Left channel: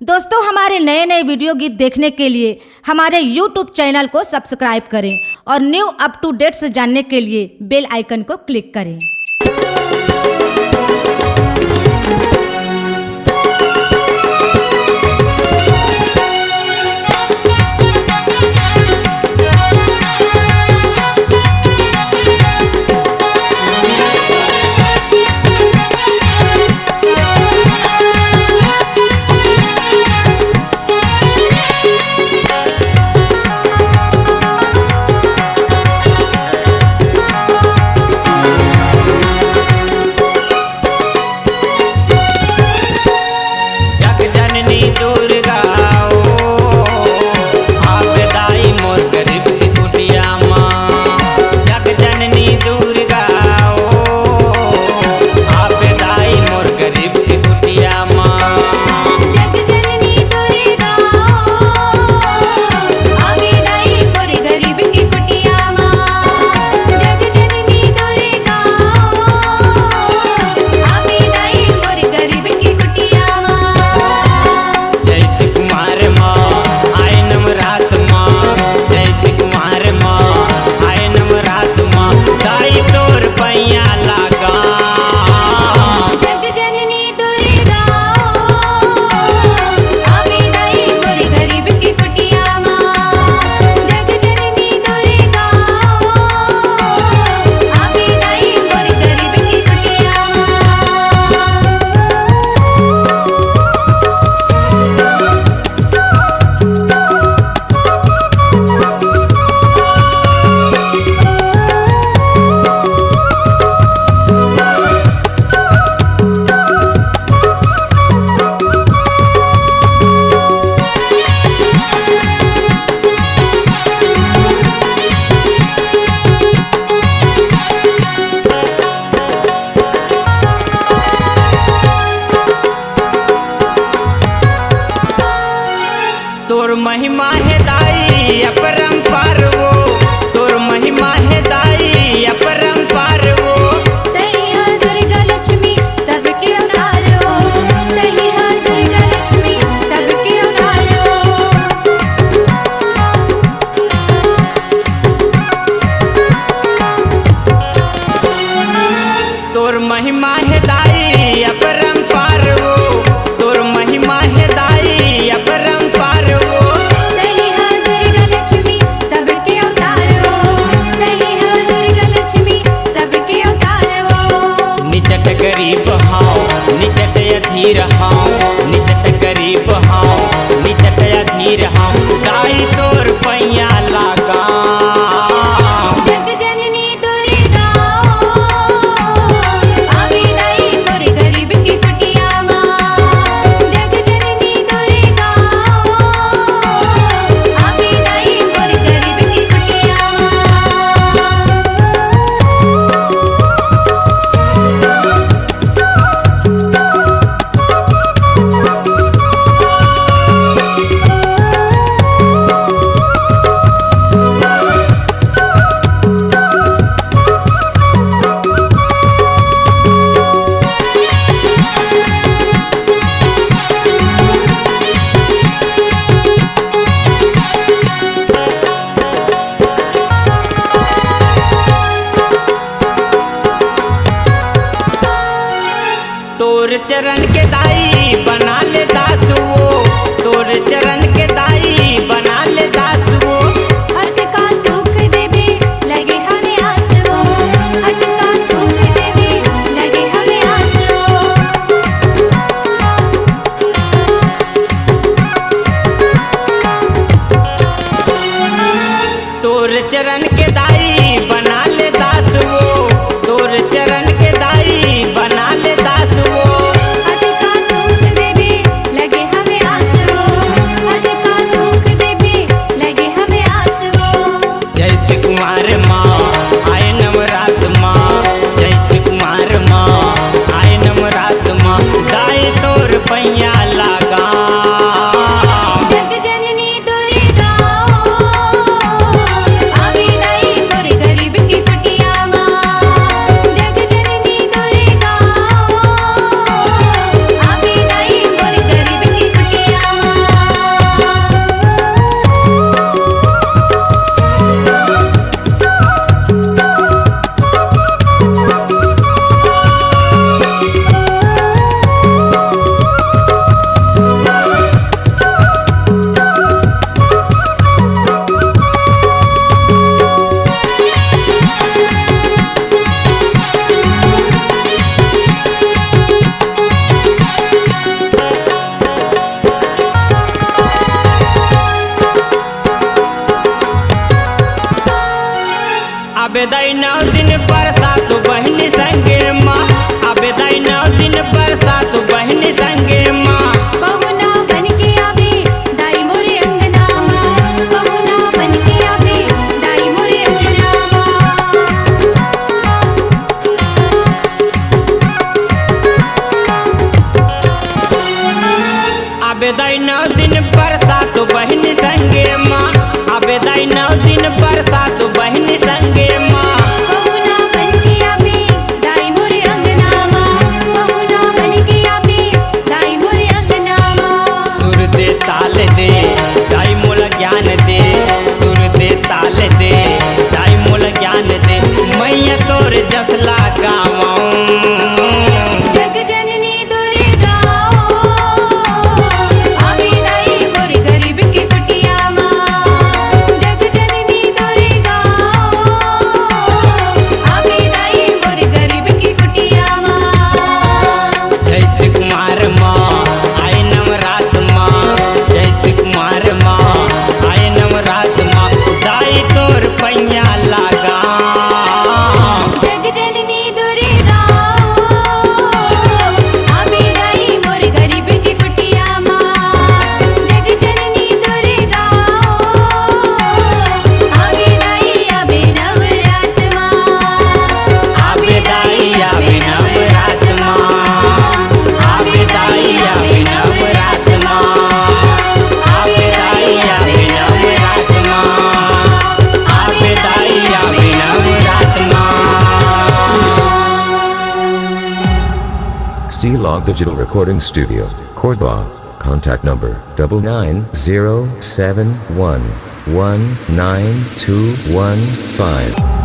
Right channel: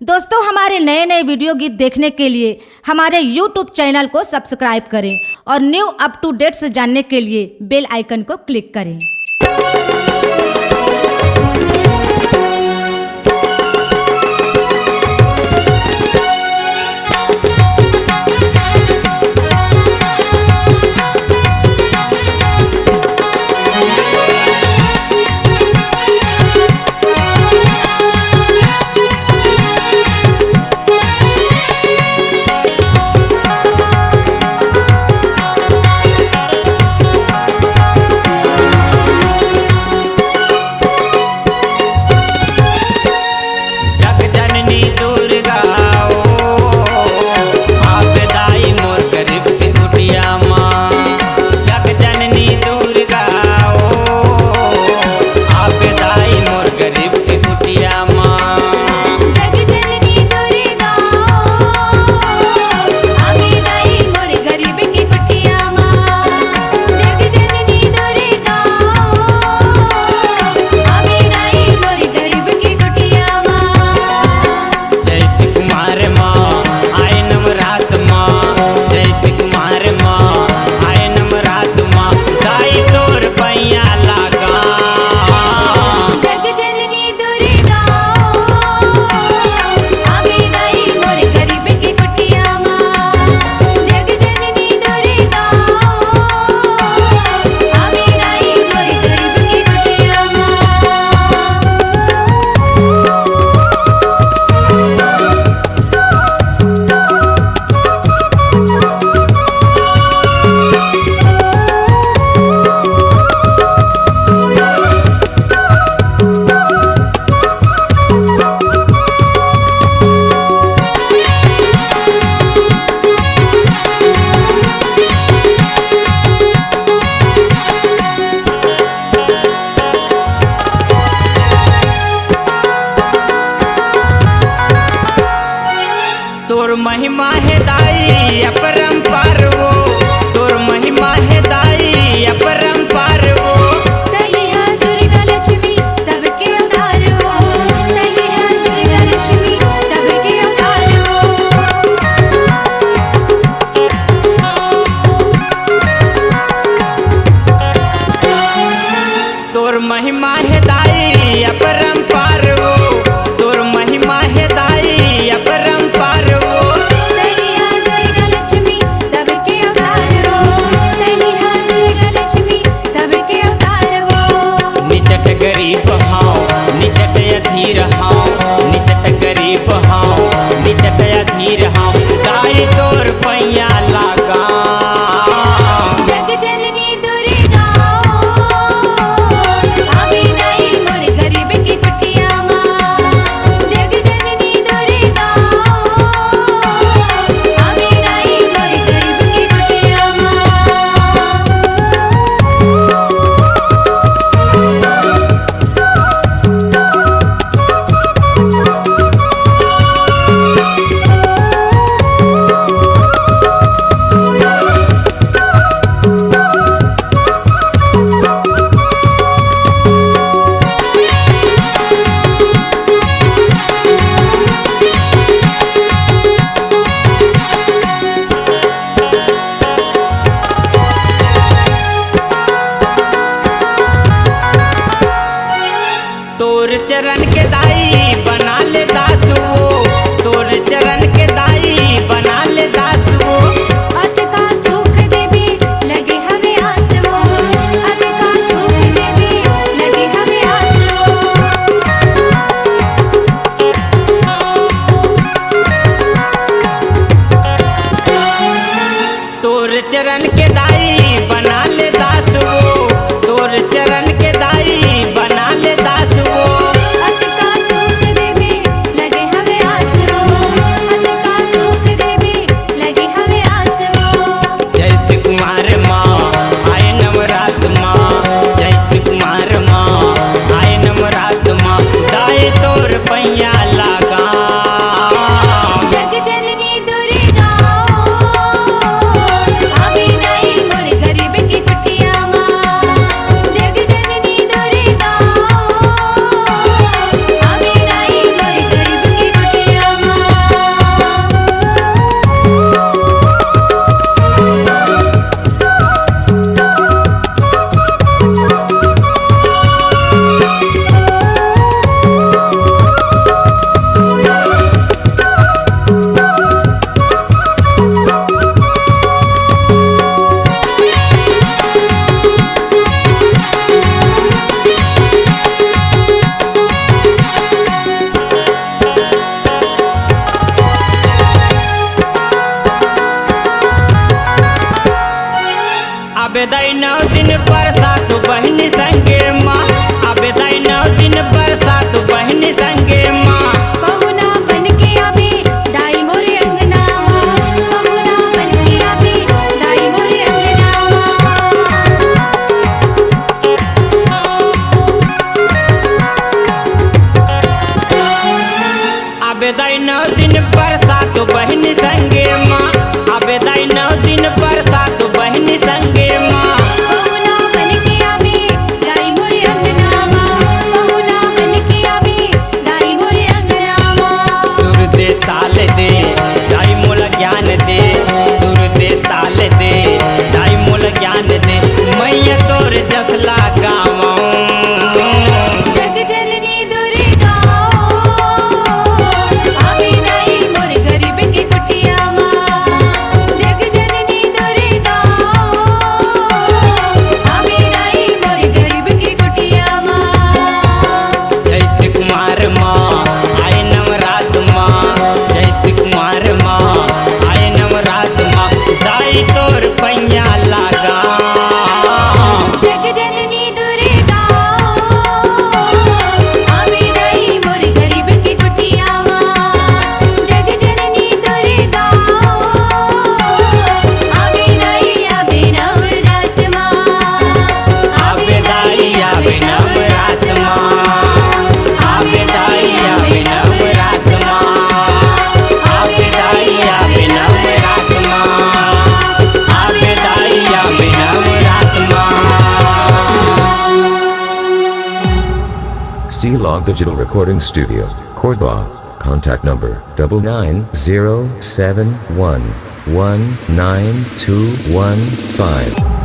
दोस्तों, हमारे नए नए वीडियो गीत देखने के लिए हमारे YouTube चैनल को सब्सक्राइब करें और न्यू अप टू डेट्स जानने के लिए बेल आइकन को क्लिक करें। दुर्गा आप दाई मोर गरीब की कुटिया माँ। जग जननी दुर्गा आप दाई मोर गरीब की कुटिया माँ। तोर महिमा है दाई अपरंपार वो, तोर महिमा है दाई अपरंपार वो। दुर्गा लक्ष्मी सबके अवतार हो, दुर्गा लक्ष्मी सबके अवतार हो। तोर महिमा है दाई अपरंपार वो, तोर महिमा है दाई अपरंपार वो। निचट गरीब हाँ निचट अधीर हाँ, निचट गरीब हाँ निचट अधीर हाँ। दाई तोर पैया लागा तोर चरण के दाई बना ले दास वो, तोर चरण के दाई बना ले दास वो। अत का सुख देवी लगे हमें आस वो, अत का सुख देवी लगे हमें आस वो। तोर चरण के दाई बना ले दास वो, तोर चरण के दाई बना ले दास वो। चैत कुमार माँ आए नवरात माँ, चैत कुमार माँ आए नवरात माँ। दाई तोर पैया लागा जग जननी दुर्गा आमी दाई दुर्गा आबेदाई 9 दिन बरसात बहनी संगे माँ आबेदाई 9 दिन बरसात बहनी संगे माँ पहुना बनके आवे दाई मोरे अंगना पहुना बनके आवे दाई मोरे अंगना आबेदाई 9 दिन बरसात बहनी संगे माँ आबेदाई 9 दिन बरसात बहनी संगे माँ पहुना बनके आवे दाई मोरे अंगना पहुना बनके आवे दाई मोरे अंगना सुर दे ताल दे दाई मोल ज्ञान दे सुर दे ताल दे दाई मोल ज्ञान दे मैया तोर जसला गावां जग जननी दुर्गा आवे दाई मोरे गरीब के कुटिया जग जननी दुर्गा आवे दाई मोरे गरीब के कुटिया चैत कुमार माँ आए नवरात माँ चैत कुमार माँ आए नवरात माँ दाई तोर पैया लागा जग जननी दुर्गा आवे दाई मोरे गरीब के कुटिया जग जननी दुर्गा आवे दाई आवे नवरात आबे दाई आबे नवरात माँ आबे दाई आबे नवरात माँ आबे दाई आबे नवरात माँ आबे दाई आबे नवरात माँ C-Log Digital Recording Studio, Cordoba. Contact number 9907119215.